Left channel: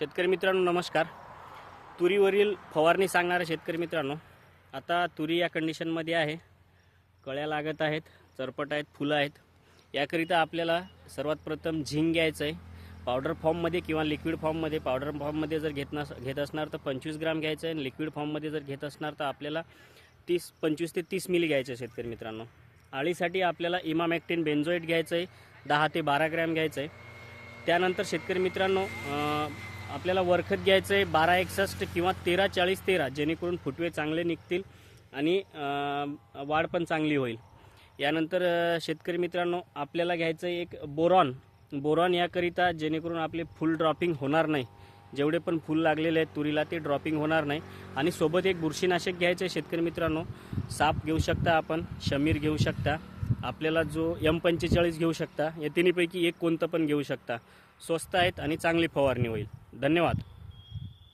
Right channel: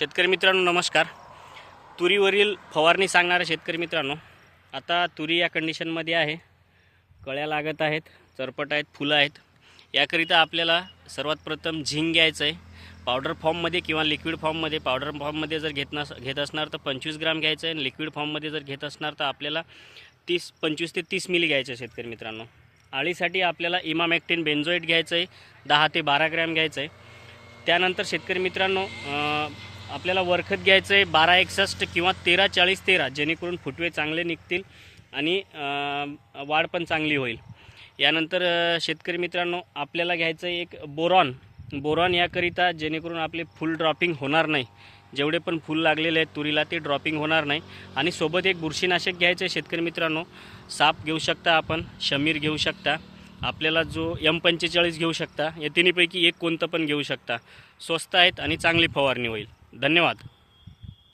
शेतकरी मित्रांनो नमस्कार. तुरीवरील फवारणी सांगणाऱ्या शेतकरी मित्रांनो आता तुरी या कंडिशनमध्ये आहे. कळ्या लागत आहेत चरपट आहेत फुलं आहेत. याकरिता आपल्याला सर्वात प्रथम झिंग घ्यायचं आहे. पावडर फॉर्ममध्ये किंवा लिक्विड फॉर्ममध्ये पावडर फॉर्ममध्ये जर घेत नस घेत असणार तर पंचवीस ग्राम घ्यायचं आहे. आणि लिक्विड फॉर्ममध्ये जर घेत असणार तर आपल्याला तीस पंचवीस ते तीस मिली घ्यायचं आहे शेतकरी मित्रांनो. आळीसाठी आपल्याला इमामॅक्टिन बेन्झोईट घ्यायचं आहे. दहा ते बारा ग्रॅम घ्यायचं आहे. त्यानंतर शेतकरी मित्रांनो आपल्याला वरखत घ्यायचं आहे बारा एकसष्ट किंवा तेरा चाळीस तेरा जेणेकरून फुटवे चांगले निघतील आणि वाढ पण चांगली होईल. यानंतर शेतकरी मित्रांनो आपल्याला घ्यायचं आहे एक बोरॉन. बोरॉन याकरिता जेणेकरून आपले फुल ड्रॉपिंग होणार नाही. जेवढे पण फुल लागलेले आहेत तुरीला ते ड्रॉपिंग होणार नाही. आणि सोबत एक बुरशीनाशक घ्यायचं आहे शेतकरी मित्रांनो. साप घेऊ शकता आपण शमीर घेऊ शकता. आपल्याला जो एम पंचेचाळीस घेऊ शकता. या तिन्हीपैकी एक कोणतं पण घेऊ शकता. स्वस्त आहेत आणि चांगली फवारणी होईल. धन्यवाद.